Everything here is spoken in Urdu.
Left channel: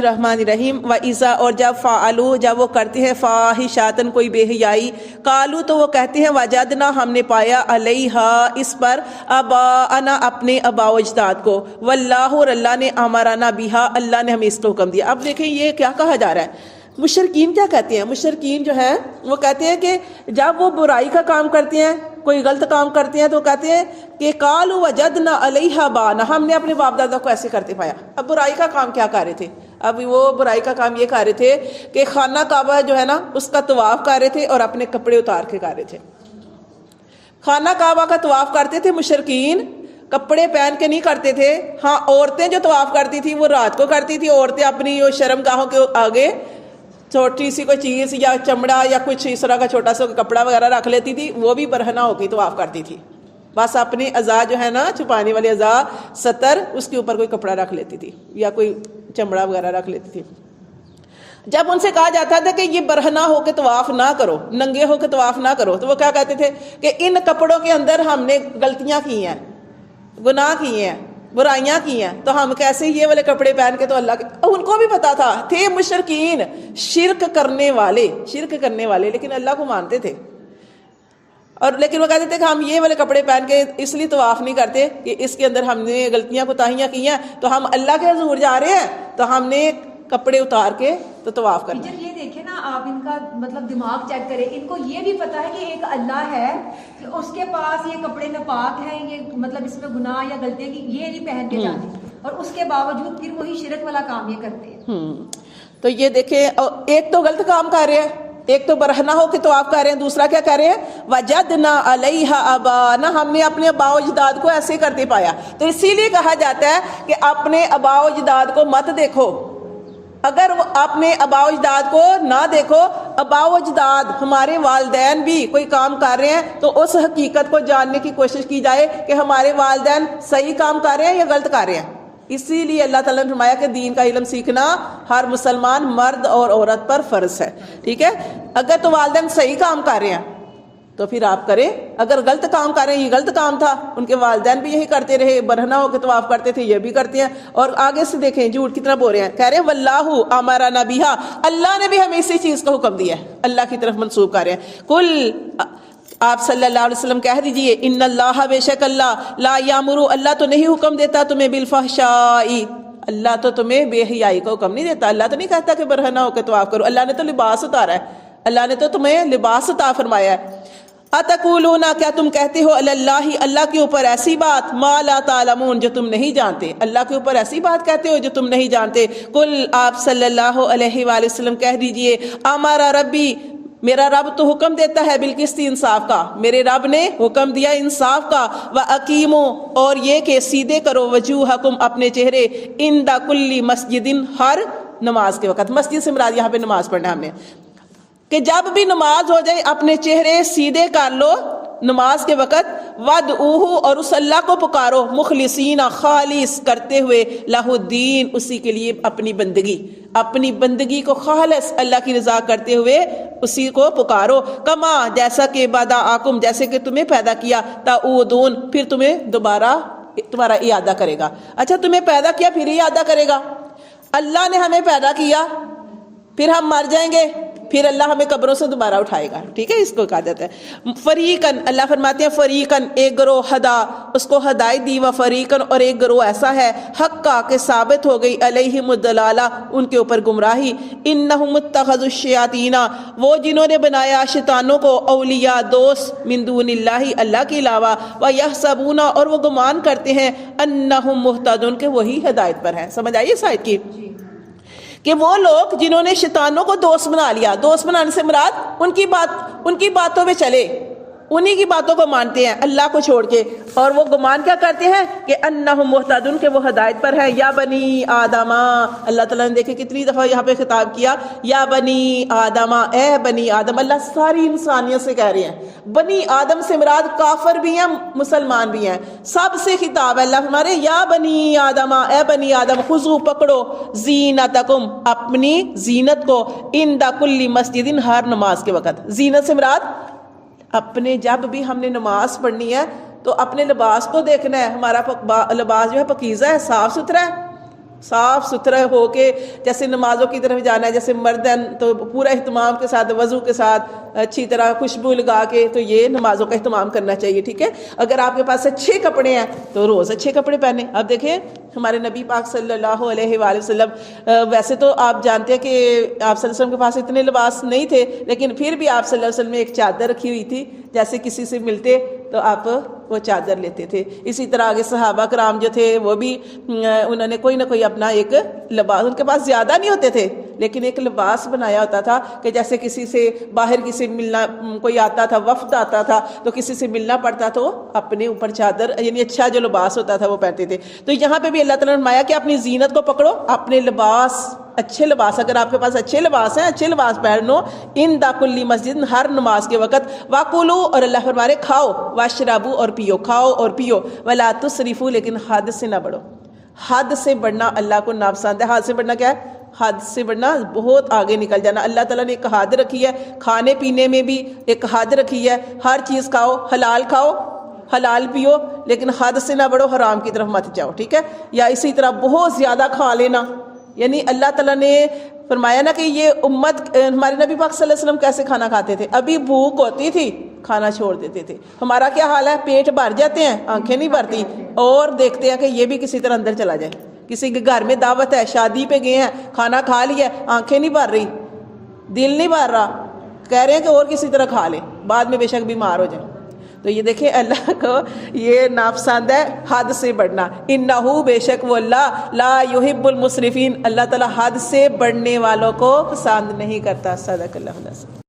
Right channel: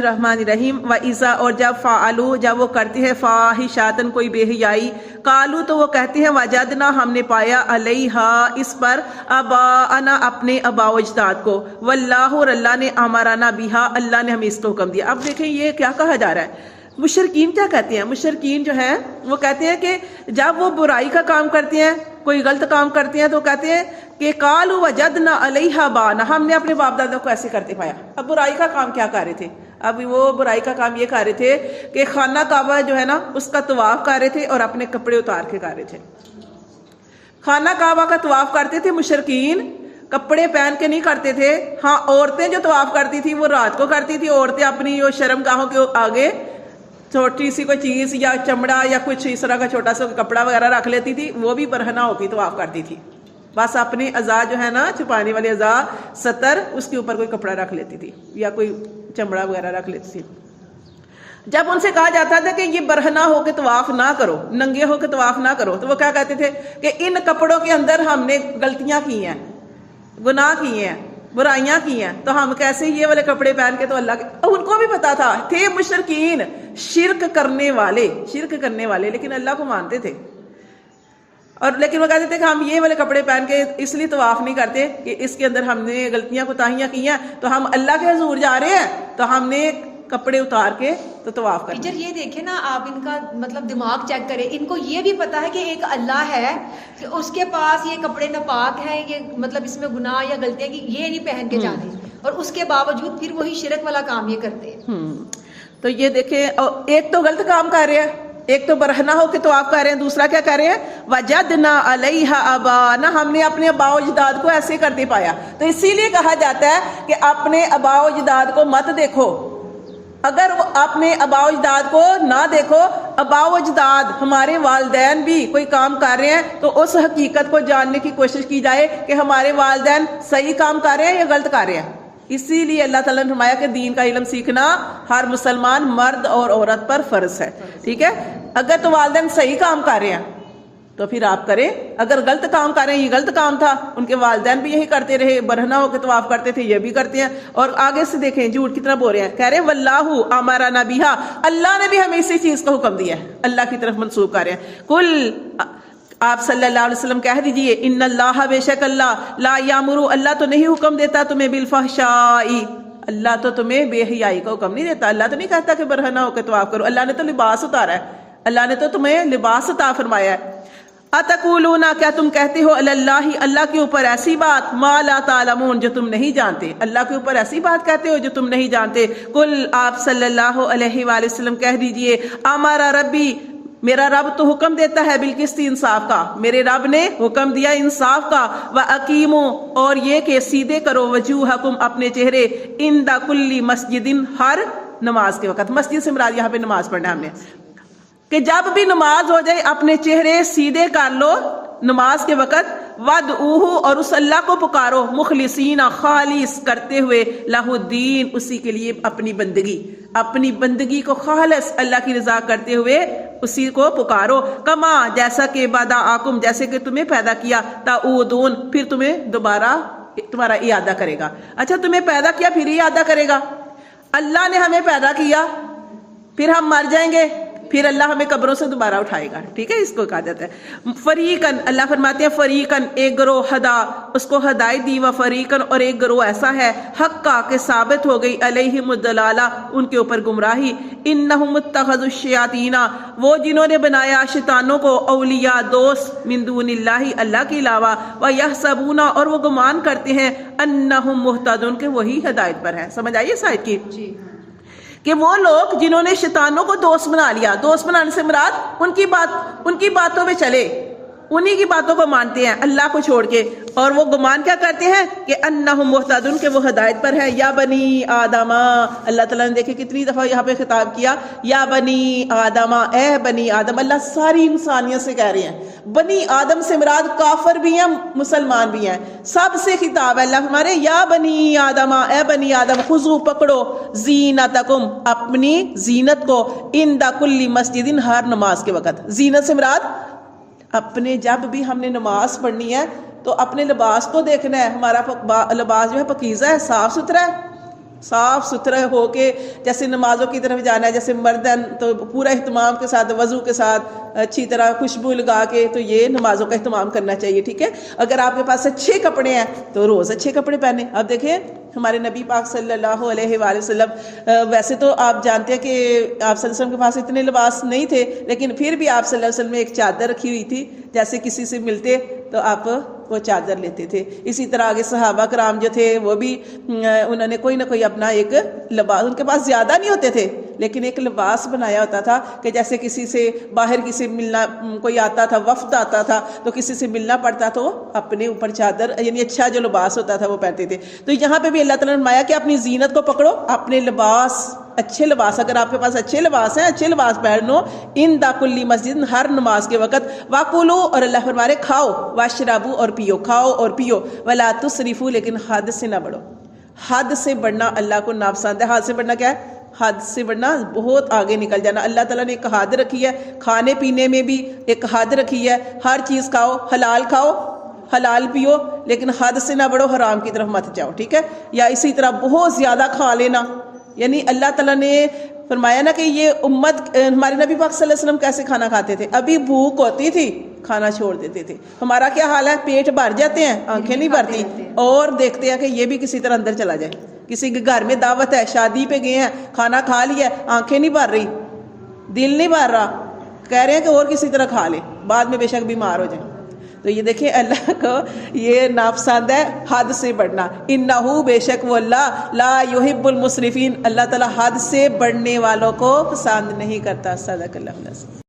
الرحمن الرحیم و ایزا اور جب فعلوا جب وہ کرتے ہیں فاحشاتن کوئی بے حیائی قالوا تو وہ کہتے ہیں وجدنا ہم نے پایا علیہا اس پر آباءنا اپنے آباء و اجداد کو واللہ اور اللہ نے امرنا بہا اللہ نے ہمیں اس کو حکم دیا۔ اب دیکھیں یہ کیا کہا جا رہا ہے، مشرکین کیا کہتے ہیں؟ مشرکین جو ہے وہ کہتے ہیں کہ جب وہ برائی کا کام کرتے ہیں کوئی غلط کام کرتے ہیں تو کہتے ہیں کہ قالوا وجدنا علیہا آباءنا ہم نے اپنے باپ دادا کو ایسے کرتے پایا۔ اب برائی کا کام کیا کر رہے تھے؟ اب وہ برائی کا کام یہ کر رہے تھے کہ خانہ کعبہ جو ہے نا اس کا طواف کر رہے تھے اور اپنے کپڑے اتار کے کر رہے تھے۔ خانہ کعبہ کا طواف کرتے تھے مشرکین، کپڑے پہن کے نہیں کرتے تھے۔ ہاں عورتیں جو طواف کرتی تھی وہ رات کو کرتی تھی، عورتیں اپنی وہ شرم گاہوں کے آگے چھوٹی سی کوئی چیز یا چمڑا یا کچھ اس طرح کا چھوٹا سا کپڑا وغیرہ رکھ لیتی تھی، وہ بھی برہنہ ہو کے طواف کرتی تھی، بس اپنے اعضاء جو ہے نا چھپانے والے اعضاء ستر اس کے اوپر کوئی کپڑا رکھ لیتی تھی یا کوئی چمڑا وغیرہ رکھ لیتی تھی۔ جب ان سے کہا جاتا تھا کہ یہ برہنہ ہو کے طواف نہ کرو، ننگے ہو کے طواف نہ کرو، تو وہ کیا کہتے تھے کہ ان کپڑوں کے اندر ہم نے غلطیاں کی ہیں، گناہ کیے ہیں، برائیاں کی ہیں، تو ہم کیسے یہ والے کپڑے پہن کے؟ تو اللہ کے ان کو بھی پتا تھا، تھے مشرکین شرک کرنے والے لیکن اللہ کو مانتے تھے، اور لیکن وہ کہتے تھے کہ ہم یہ والے کپڑے پہن کے اس لیے طواف نہیں کرتے کہ اس کے اندر ہم نے غلطیاں کوتاہیاں کی ہیں، تو ہم اللہ کے حضور جا رہے ہیں تو ہم نے کپڑے اتار کے تو طواف کرنا۔ ٹیچر یہ دیکھیں نا آپ ان کا مطلب دماغ چیک کریں، ان کو یہ بھی پتا ہے کہ ایک اللہ ہے کہ اس کے پاس یہ کپڑے ناپاک ہیں، یہ مطلب اس میں گناہ یا غلطیاں کی یہ نہیں پہن کے جانے، اور اس کے باوجود پھر وہی شرک والا کام یہ کرتے ہیں۔ تو یہ دیکھیں ایک تو غلط کام کر رہے ہیں، ایک تو برہنہ ہو کے طواف کر رہے ہیں، دوسرا کیا کر رہے ہیں وجدنا علیہا آباءنا ہم نے اپنے آباء و اجداد کو ایسے کرتے پایا۔ تو اسی لیے کہا جاتا ہے کہ اپنے آباء و اجداد کو مت دیکھو، اگر وہ اپنے آباء و اجداد کو نہ دیکھو، آباء و اجداد ہمارے والدین بھی کوئی کام کر رہے ہیں تو اس حقیقت کو جاننے کی کوشش کی جائے کہ ہمارے والدین صحیح کام کر رہے ہیں یا غلط کر رہے ہیں۔ اسی لیے اللہ تعالیٰ نے فرمایا کہ دین کا علم سیکھنا ہر مسلمان مرد اور عورت پر فرض ہے، ٹھیک ہے؟ اگر تو والدین صحیح کام کر رہے ہیں تو پھر آپ کریں، اگر غلط کام کر رہے ہیں، یہ غلط کام تھا، ان کے والدین بھی یہی کرتے رہے، برہنہ ہو کے طواف کرتے تھے، یہ بھی کرتے ہیں۔ اور آگے سے دیکھیں جھوٹ کتنا بول رہے ہیں، کہہ رہے ہیں واللہ امرنا بہا اللہ نے بھی ہمیں اسی چیز کا حکم دیا ہے، اللہ کی طرف منسوب کر رہے ہیں۔ کل آپ صلی اللہ علیہ وسلم کہہ دیجئے ان اللہ بے شک اللہ لا یامر اللہ تو نہیں حکم دیتا تمہیں بالفحشاء اللہ تو تمہیں بے حیائی کا حکم نہیں دیتا، اللہ تو نہیں کہتا کہ برہنہ ہو کے طواف کرو، اللہ نے تو لباس اتارا ہے، اللہ نے تو تمہیں لباس عطا فرمایا ہے۔ اتقولون کیا تم کہتے ہو علی اللہ اللہ کے اوپر ایسی بات ما لا تعلمون جو تم نہیں جانتے، اللہ کے اوپر ایسی بات کہتے ہو جو تم نہیں جانتے۔ قل آپ صلی اللہ علیہ وآلہ وسلم کہہ دیجئے امر ربی میرا رب تو حکم دیتا ہے بالقسط انصاف کا، میرے رب نے حکم دیا انصاف کا، وَأَقِیمُوا اور یہ کہ سیدھے کرو وجوہکم اپنے چہرے عند کل مسجد ہر نماز کے وقت، مسجد سے مراد یہاں پہ نماز پڑھنا ہے ہم نے، کہ جب بھی نماز ہو جائے اپنے چہرے سیدھے کر لو نماز کے وقت، وَادْعُوهُ اور اس اللہ کو پکارو مخلصین خالص کرتے ہوئے لہ الدین اسی کے لیے اپنی بندگی کو خالص اللہ کی رضا کرتے ہوئے اسی کو پکارو، کما جیسا کہ بدأکم جیسے کہ تمہیں پیدا کیا، تعودون پھر تمہیں دوبارہ تمہارا اعادہ کرے گا۔ اچھا تمہیں پیدا کیا پھر اعادہ کرے گا، اللہ نے ہمیں پیدا کیا پھر ہم مر جائیں گے پھر اللہ ہمیں قبروں سے دوبارہ اٹھائے گا، ٹھیک ہے؟ اس کو کہا جاتا ہے فریقن، اللہ فرماتے ہیں فریقن ایک گروہ ہدا اس کو ہدایت دی، و فریقن اور ایک گروہ ایسا ہے حق کا کہ ثابت ہو گئی علیہم الضلالہ ان کے اوپر گمراہی، انہم اتخذوا الشیاطین وہ جنہوں نے بنایا شیطانوں کو اولیاء دوست من دون اللہ اللہ کے علاوہ، ویحسبون اور وہ گمان کرتے ہیں انہم مہتدون کہ وہی ہدایت پر ہیں۔ سمجھ آئیے سائد کی کہ وہ لوگ جنہوں نے شیطانوں کو دوست بنا لیا، دوست بنانے سے مراد ان کی باتوں پہ چلے، انہی کی باتوں کو مانتے ہیں اللہ کو چھوڑ کے، اور وہ گمان کیا کرتے ہیں کہ انہم مہتدون کہ وہ ہدایت پر ہے۔ یا بنی آدم اللہ تعالیٰ نے دیکھے کتنی دفعہ یہاں پہ خطاب کیا، یا بنی آدم اے بنی آدم، اللہ ساری انسانیت سے کہہ رہے ہیں، بنی آدم سے مراد کافر بھی ہیں مسلمان بھی ہیں، سب سے خطاب ہے۔ اللہ ہمارے یا بنی آدم اے بنی آدم خذو پکڑو زینتکم اپنی زینت کو عند کل مسجد ہر نماز کے وقت، زینت سے مراد اپنے جب بھی ہم نے نماز پڑھنی ہے تو اپنے لباس کو دیکھنا ہے، ہمارا لباس جو ہے پاکیزہ ہے، صاف ستھرا ہے، صاف ستھرا ہو کے جیسے نمازوں کی طرف جانا ہے، جیسے مردن تو پورا اہتمام کے ساتھ، وضو کے ساتھ، اچھی طرح خوشبو لگا کے، تو یہ نمازوں کا اہتمام کرنا چاہیے. ٹھیک ہے، اگر آپ کے پاس اچھے کپڑے ہیں تو روز اچھے کپڑے پہنے. اب دیکھیں ہمارے نبی پاک صلی اللہ علیہ وآلہ وسلم، ویسے تو آپ جانتے ہیں کہ آپ صلی اللہ علیہ وسلم کے پاس اتنے لباس نہیں تھے، لیکن پھر بھی آپ صلی اللہ علیہ وسلم نے ایک چادر رکھی ہوئی تھی. جیسے کسی سے ملتے تو آپ وہ چادر لیتے تھے. اسی طرح آگے صحابہ کرام جو تھے وہ بھی انہوں نے کوئی نہ کوئی اپنا ایک لباس، ان کے پاس زیادہ نہیں ہوتے تھے لیکن ایک لباس بنایا ہوتا تھا کہ جیسے کسی سے باہر کسی ملنا، کوئی آتا تھا، وفد آتا تھا تو کسی سے ملنا پڑتا تو اپنے اوپر چادر، یعنی اچھا جو لباس ہوتا تھا وہ پہنتے تھے. تو یہاں پہ بھی اللہ تعالیٰ نے فرمایا کہ اپنی زینت کو پکڑو، اپنے لباس، اچھے لباس، اگر آپ کے پاس اچھے لباس ہیں، اچھے لباس پہنو، ان دا کلی مسجد، ہر نماز کے وقت، واکلو، اور اللہ فرمارے کھاؤ، واشربو، اور پیو، کھاؤ اور پیو، ولا تسرفو، لیکن حد سے نہ بڑھو. حد سے بڑھنا اللہ کو ناپسند ہے. حد سے بڑھنا کیا ہے؟ حد سے بڑھنا بہت آگے نکل جانا. اللہ تعالیٰ نے ایک حد رکھی ہے، کھانے پینے میں بھی ایک حد رکھی ہے. ہر چیز کھاؤ، حلال پیو، لیکن حد سے نہ بڑھو، حرام کی طرف مت جاؤ. ٹھیک ہے، یا اسی طرح بہت زیادہ کھا لینا. یعنی اللہ تعالیٰ نے فرمایا نا کہ یہ امت، ہمارے نبی پاک صلی اللہ علیہ وسلم کیسے کھانا کھاتے تھے؟ ابھی بھوک ہوتی تھی کھانا چھوڑ دیتے تھے. ہمارا کیا حال ہے؟ پیٹ بھر جاتے ہیں، آنکھیں نہیں بھرتی، اور دیکھتے ہیں کہ یہ بھی کسی طرح اندر چلا جائے. کسی کے گھر میں دعوت ہے، شادی پہ گئے ہیں، کھانا کھا لیا، آنکھیں نہیں بھر رہی، دل نہیں بھر رہا، کہہ رہے ہیں کہ اور کسی طرح کھا لے، بعد میں بے شک بیمار ہو جائیں. تو یہ دیکھیں اللہ کو یہ ناپسند ہے حد سے بڑھنا. انہو، بے شک وہ اللہ، لا یحب المسرفین، اللہ تعالیٰ حد سے بڑھنے والوں کو پسند نہیں کرتا. صدق اللہ.